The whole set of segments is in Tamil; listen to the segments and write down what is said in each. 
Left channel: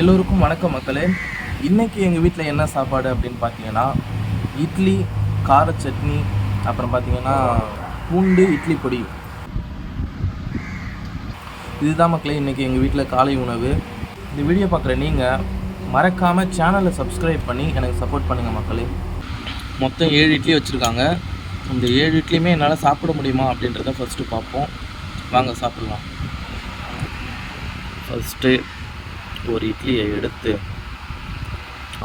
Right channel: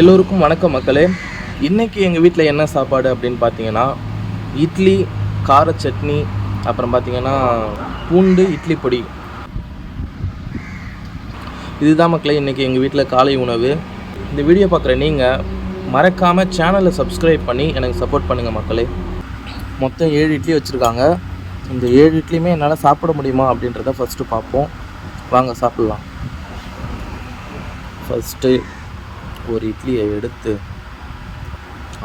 எல்லோருக்கும் வணக்கம் மக்களே. இன்றைக்கி எங்கள் வீட்டில் என்ன சாப்பாடு அப்படின்னு பார்த்தீங்கன்னா இட்லி கார சட்னி அப்புறம் பார்த்தீங்கன்னா பூண்டு இட்லி பொடி. இதுதான் மக்களே இன்றைக்கி எங்கள் வீட்டில் காலை உணவு. இந்த வீடியோ பார்க்குற நீங்கள் மறக்காமல் சேனலை சப்ஸ்கிரைப் பண்ணி எனக்கு சப்போர்ட் பண்ணுங்கள் மக்களே. மொத்தம் ஏழு இட்லி வச்சுருக்காங்க. இந்த ஏழு இட்லியுமே என்னால் சாப்பிட முடியுமா அப்படின்றத ஃபஸ்ட்டு பார்ப்போம் வாங்க சாப்பிட்லாம். ஃபஸ்ட்டு ஒரு இட்லியை எடுத்து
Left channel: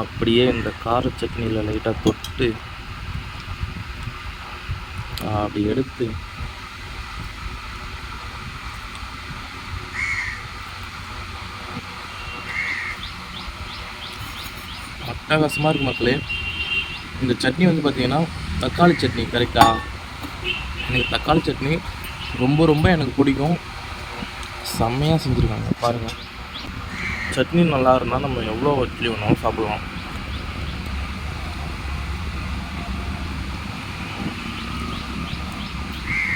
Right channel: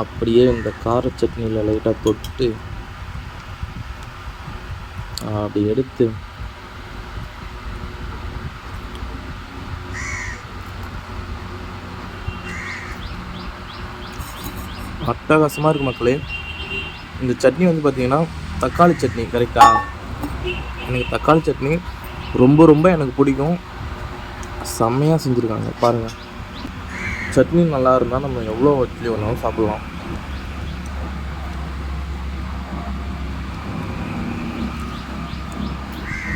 அப்படியே இந்த கார சட்னியில் லைட்டாக தொட்டு அப்படி எடுத்து அட்டகாசமாக இருக்குது மக்களே. இந்த சட்னி வந்து பார்த்தீங்கன்னா தக்காளி சட்னி கரெக்டா எனக்கு தக்காளி சட்னி ரொம்ப ரொம்ப எனக்கு பிடிக்கும். செம்மையாக செஞ்சுருக்காங்க பாருங்கள் சட்னி நல்லா இருந்தால் நம்ம எவ்வளோ இட்லி வேணாலும் சாப்பிட்லாம்.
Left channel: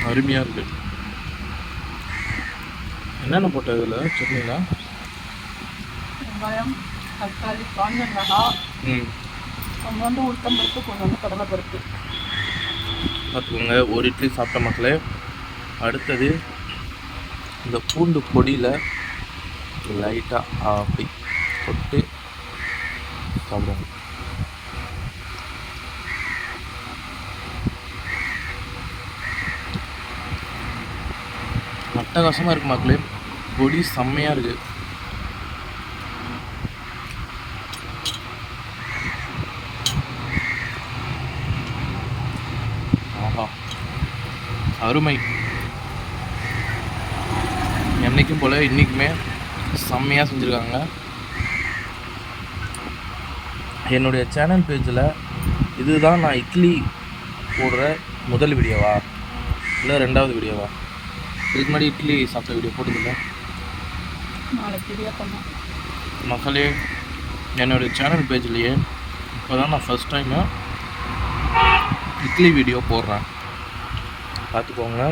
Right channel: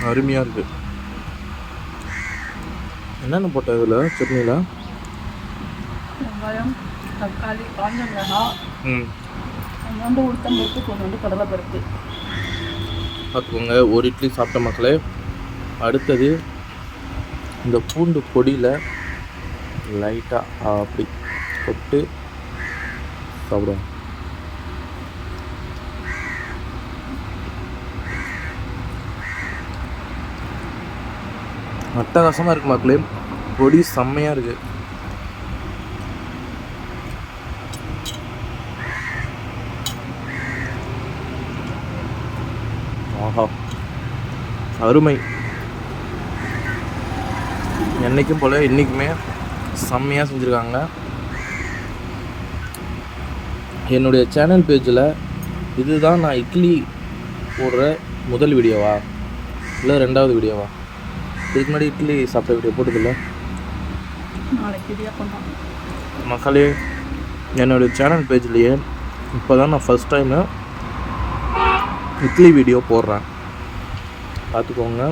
அருமையாக இருக்குது என்னென்ன போட்ட இதில் சட்னியில் வெங்காயம் தக்காளி காஞ்ச மிளகாய் ம். கொஞ்சோண்டு உளுத்தம் பருப்பு கொஞ்சோண்டு கடலை பருப்பு பார்த்துக்கோங்க ஒரு இட்லி சாப்பிட்ட மக்களே அடுத்தது இந்த பூண்டு பொடியில் லைட்டாக அப்படி தொட்டு சாப்பிடுவோம். அட்டகாசமாக இருக்கு மக்களே. பொடி செம்மையாக இருக்கு. ஆஹா. அருமை. என்னைக்கும் போல் இன்றைக்குமே செம்மையாக செஞ்சுருக்காங்க. என்னுடைய சேனல் பேஜில் இதுதான் நான் இட்லி போடுற முதல் வீடியோவா? இல்லை ரெண்டாவது வீடியோவா? இதுக்கு முன்னாடி இட்லி சாப்பிட்ட வீடியோ போட்டதில்ல. மக்களே என்னுடைய சேனல் பேஜ்லேயே இப்போ தான் நான் ஃபஸ்ட் டைமு இட்லி வீடியோ போடுறேன். பார்த்துக்கோங்க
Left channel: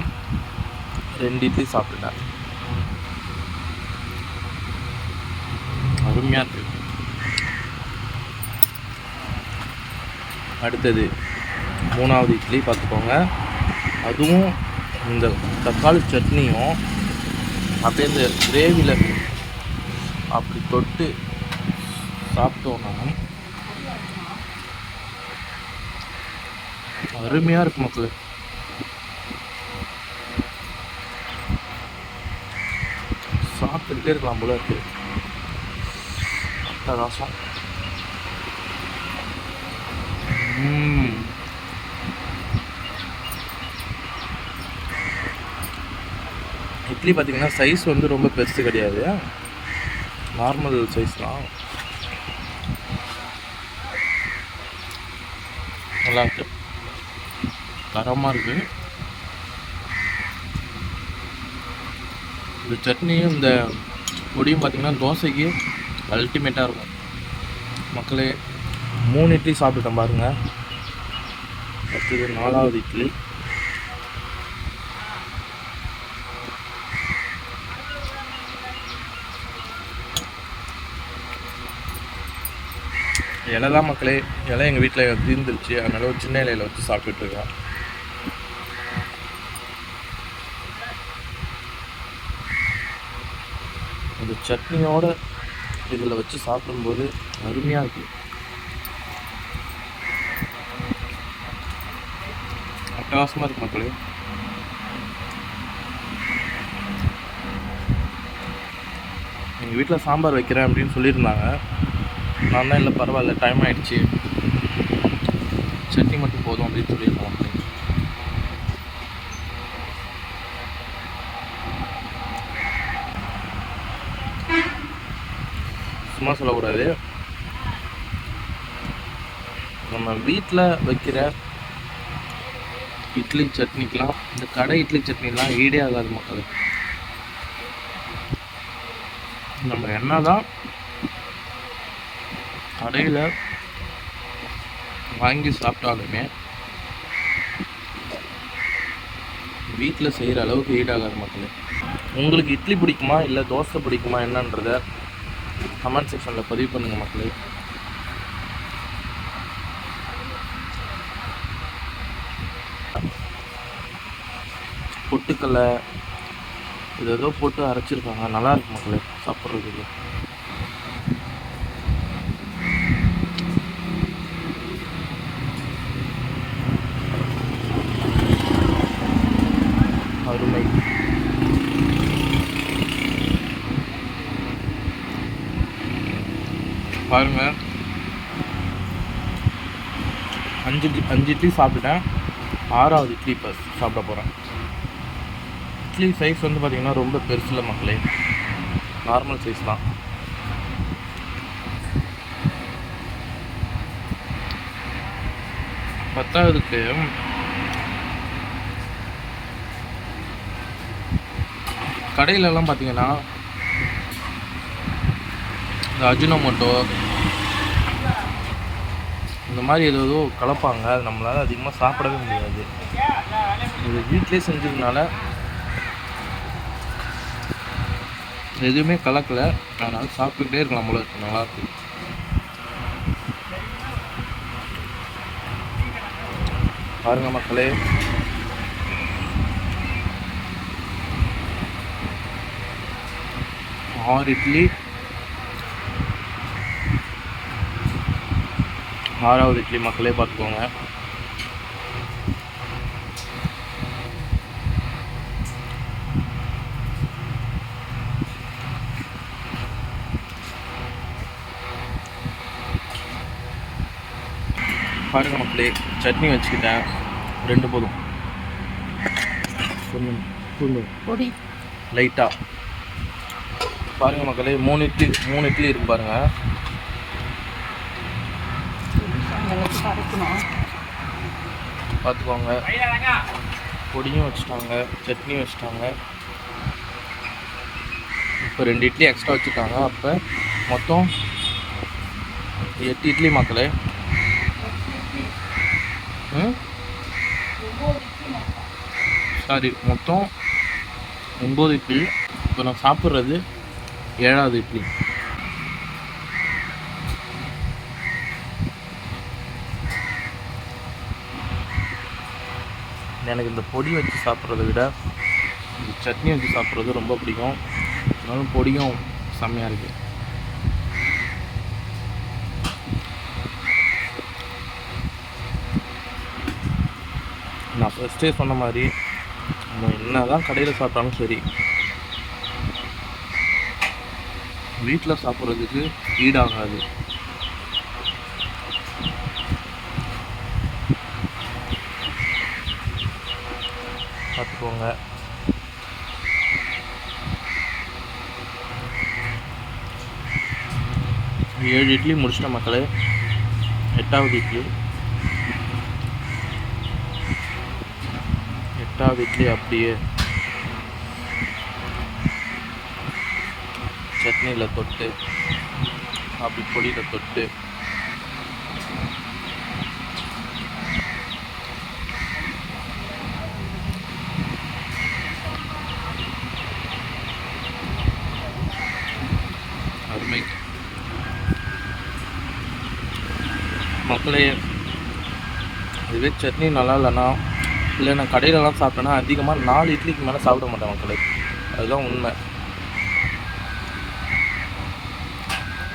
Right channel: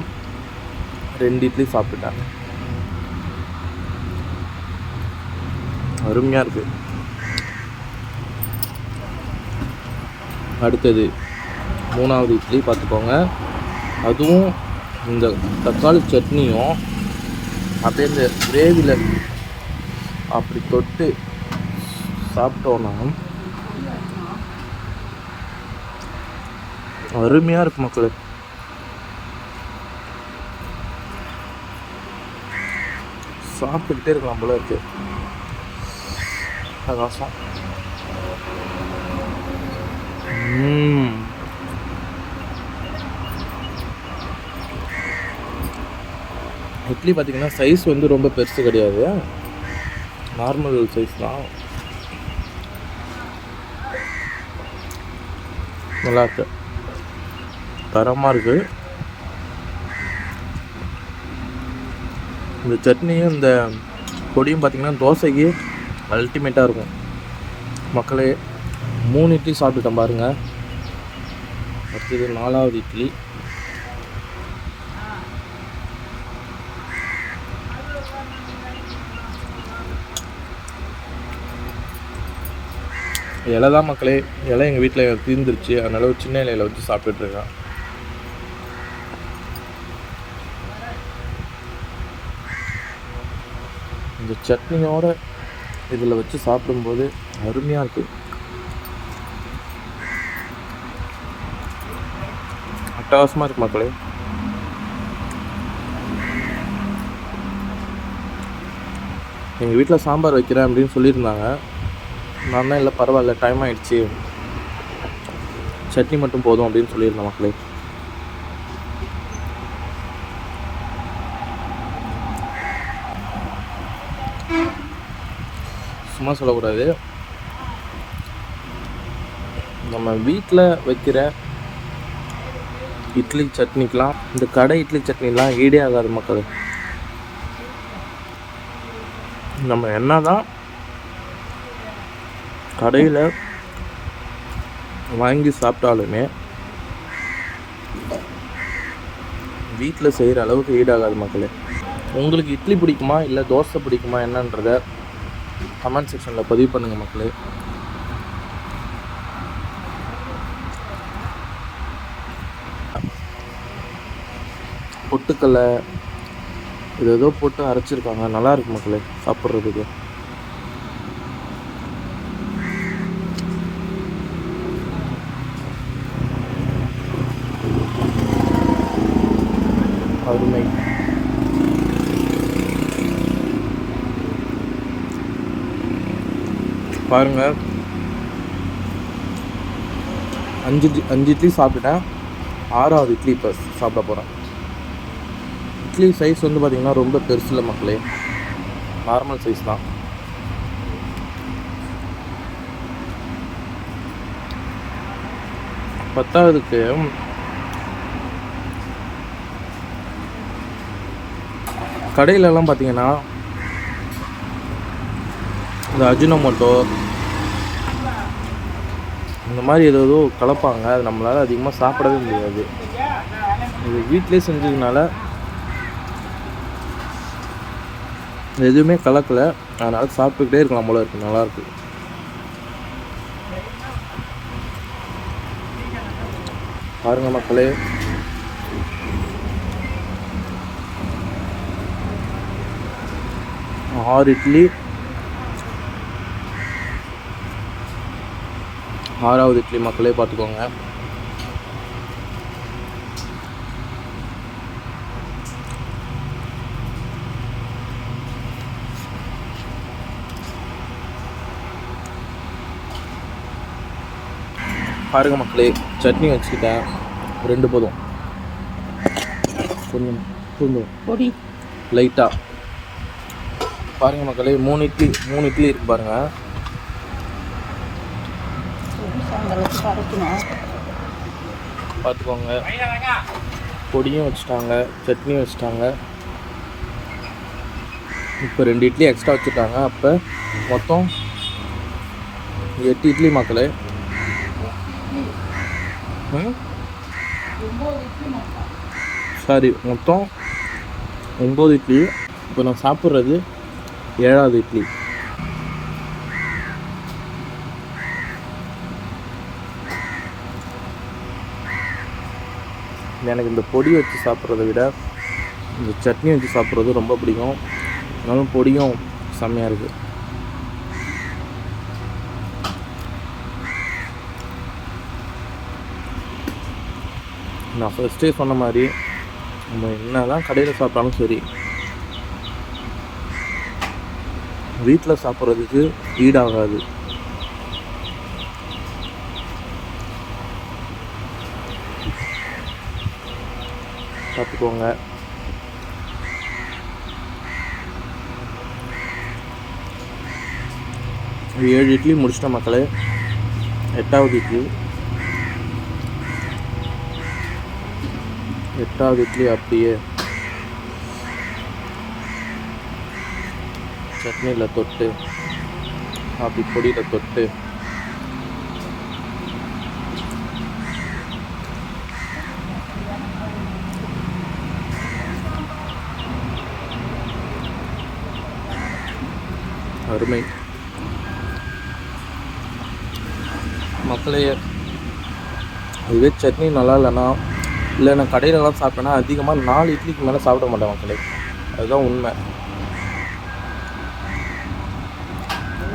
ரெண்டு இட்லி சாப்பிட்டுட்டேன். அருமையாக இருக்குது அடுத்தது மூணாவது இட்லி பார்த்துக்கோங்க அதுவும் இந்த தக்காளி சட்னியும் அப்படியே இந்த கிரேவியில் அப்படி தொட்டு சாப்பிட்டோன்னா அருமையாக இருக்கு மக்களே. சாப்பிட்டுக்கிட்டே இருக்கலாம் போல இருக்குது அட்டகாசம் ம். Hmm. இட்லி பார்த்தீங்கன்னா சைஸ் வந்து ரொம்ப பெருசு கிடையாது. நார்மல் சைஸ் தான். நல்லா இருக்கு. தரமாக இருக்கு. இந்த சட்னியும் இந்த பொடியும் பார்த்தீங்கன்னா தோசைக்கு அல்டிமேட்டாக இருக்கும். மக்களே மூணு இட்லி சாப்பிட்டுட்டேன் பாருங்கள் அடுத்தது நாலாவது இட்லி. இலை தான் மக்களே இலை எங்கள் வீட்டில் தீர்ந்துருச்சு. அதனால ஒரு சின்ன இலையில வச்சு சாப்பிட்டுட்ருக்கேன் இந்த சட்னியோட இதில் வச்சு சாப்பிடும்போது அருமையாக இருக்குது அட்டகாசமாக இருக்கு மக்களே. எங்கள் வீட்டில் சாம்பார் வைக்கிறேன் அப்படின்னு சொல்லியிருந்தாங்க. நான் தான் இல்லை பரவாயில்ல டைம் ஆகிடுச்சி சட்னி மட்டும் போதும் அப்படின்னு சொல்லியிருந்தேன் மக்களே. சும்மா சொல்லக்கூடாது. நம்ம வீட்டில் வைக்கிற இட்லி சட்னிக்கெலாம் இந்த கடை இட்லி சட்னிலாம் ஈடே ஆகாது மக்கள். நம்ம என்ன தான் கடையில் வாங்கி சாப்பிட்டாலுமே வீட்டில் செய்கிற அளவுக்கு ஈடாகாது மக்களே. உங்களுக்கு இட்லி பிடிக்குமா இல்லை தோசை பிடிக்குமா என்னன்றத கமெண்ட் செக்ஷனில் பதிவு பண்ணுங்கள் மக்களே. பொட்டுக்கல்லை இது ஏதோ போட்டு அரைச்சிருக்காங்க. நல்லா இருக்கு மக்களே சாப்பிட்றதுக்கு. அருமை. பாருங்கள் அஞ்சு அஞ்சு இட்லி சாப்பிட்டுட்டேன். ஆறாவது இட்லி இப்போ சாப்பிட போகிறேன் இட்லி சைஸ் வந்து பார்த்திங்கன்னா ரொம்ப பெருசு இல்லை மக்களே. நார்மல் சைஸ் தான். பத்தாவதுக்கு கடையிலலாம் பார்த்தீங்கன்னா இந்த அஜினோமோட்டோ இந்த மாதிரி ஏதோ ஏதோ கலப்பாங்க. அது நம்மளால் அதிகமாக சாப்பிடவே முடியாது. இது வீட்டிலே செஞ்சதுனால எதுவுமே கலக்கலை. அதனால் சாப்பிட்டுக்கிட்டே இருக்கலாம் போல இருக்கு. நல்லா இருக்கு. பாருங்க மக்களே. ஆறு இட்லி ஆறாவது இட்லி மக்களே பார்த்துக்கோங்க. பாருங்க மக்களே சட்னி வச்சுக்கிட்டேன். ரெண்டு போதும். கொஞ்சம் கொஞ்சம் பொடி. லைட்டாக பாருங்க மக்களே மூணு இட்லி மூணு இட்லி இருக்கு பாருங்க. பொடி அரைக்கணும் பார்த்துக்கோங்க. பொடியும் வச்சுட்டாங்க சட்னியும் வச்சுட்டாங்க. இப்போ ரெண்டு இட்லி எக்ஸ்ட்ரா வச்சுருக்காங்க அப்போ மொத்தம் எட்டு இட்லி மக்களே. சாரி மொத்தம் ஒம்பது இட்லி. இப்போ நான் சாப்பிட்றது ஏழாவது இட்லி. எனக்கு இந்த பொடி வச்சு சாப்பிட்றத விட இந்த சட்னி வச்சு சாப்பிட்றது ரொம்ப பிடிக்கும். அதனாலும் பொடியும் செம்மையாக இருக்குது நான் ஃபஸ்ட்டே சொன்ன மாதிரி நம்ம என்ன தான் கடையில் சாப்பிட்டாலும் சரி வீட்டில் சாப்பிட்றதுக்கு ஈடாகாது. பார்த்துக்கோங்க. ஏழு இட்லி முடிச்சிட்ட மக்களே. எட்டாவது இட்லி. எட்டாவது இட்லி அப்படியே. சட்னியில் தொட்டு அப்படி பொடியில் தொட்டு. அருமை. மக்களே இதுவே சட்னி நல்லா இல்லைன்னா இல்லை நான் கடையிலலாம் சாப்பிட்டேன்னா அதிகமாக நாலு இட்லிக்கு மேலே சாப்பிட மாட்டேன் மக்களே. அதுதான் உண்மை.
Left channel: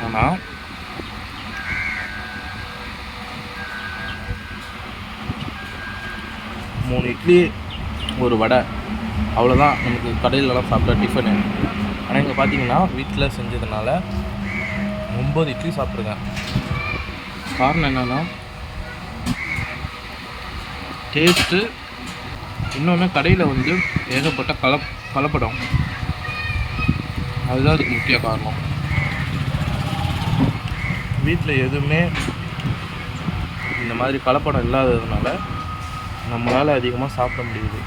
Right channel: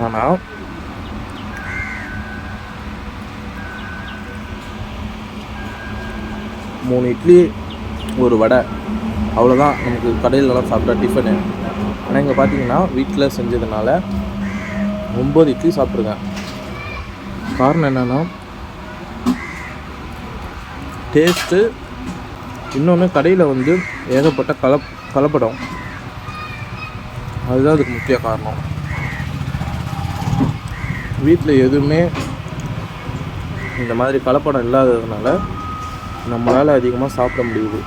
ஆனால் மூணு இட்லி ஒரு வடை அவ்வளோதான் நமக்கு கடையிலலாம் சாப்பிட்டா டிஃபனு ஆனால் இங்கே பார்த்தீங்கன்னா வீட்டில் செஞ்சதுனால ஒம்பது இட்லி சாப்பிட்ருக்கேன். காரணம் என்னென்னா டேஸ்ட்டு இன்னொன்று கடையில் வந்து ஏகப்பட்ட கலப் கலப்படம். அதுதான் அதுக்கு முக்கிய காரணம். வீட்டில் எதுவுமே இந்த மாதிரி கலப்படம் இல்லாததுனால நம்மளால் அதிகமாக சாப்பிட முடியுது.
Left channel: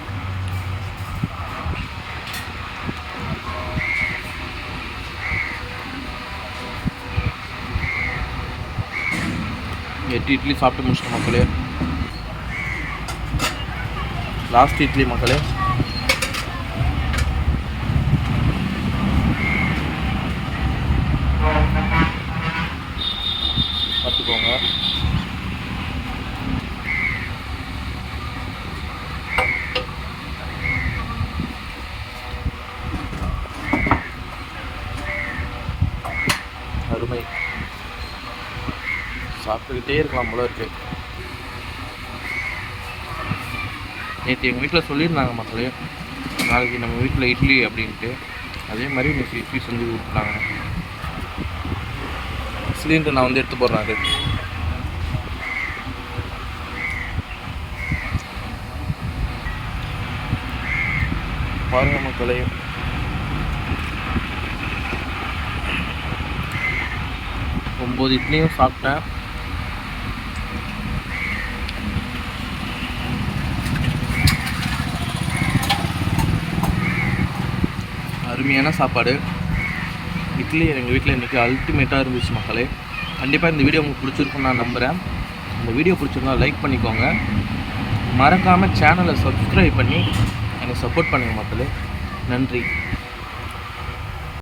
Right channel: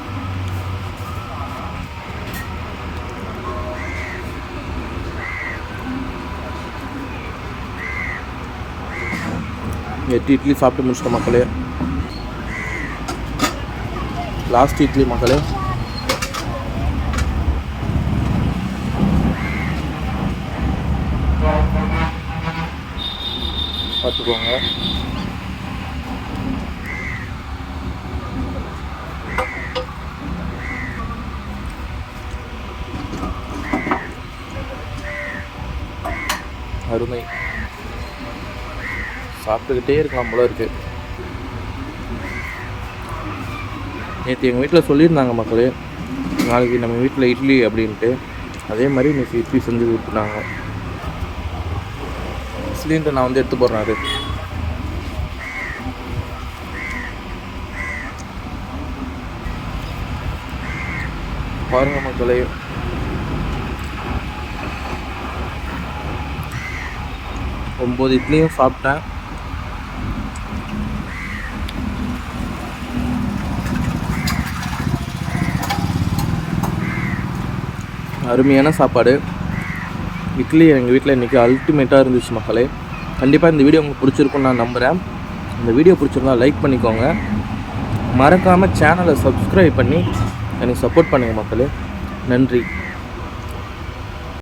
எட்டு இட்லி சாப்பிட்டு முடிச்சிட்ட மக்களே. லாஸ்ட் இட்லி மக்களே. பார்த்துக்கோங்க. அருமை. சாப்பிட்டுக்கிட்டே இருக்கலாம் போல இருக்கு. நேற்று எங்கள் வீட்டில் சொல்லியிருந்தாங்க மக்களே நாளைக்கு நம்ம வீட்டில் இட்லி அப்படின்ட்டு. அதே மாதிரி நேற்று இட்லி செஞ்சு கொடுத்துட்டாங்க. சிலிண்டர் நான் வந்து எடுத்து போடுறேன் அது. பாருங்க மக்களே. ஒம்பது இட்லியும் சாப்பிட்டேன். அருமையான சாப்பாடு. இட்லி எங்கள் வீட்டில் இன்றைக்கி அல்டிமேட்டாக இருந்துச்சு மக்களே. கண்டிப்பாக இந்த வீடியோ உங்களுக்கு பிடிச்சிருக்குன்னு நான் நம்புகிறேன் இந்த வீடியோ பிடிச்சிருந்தா லைக் பண்ணிக்கோங்க. மறக்காமல் சேனலை சப்ஸ்கிரைப் பண்ணி எனக்கு சப்போர்ட் பண்ணுங்கள் மக்களே. நன்றி.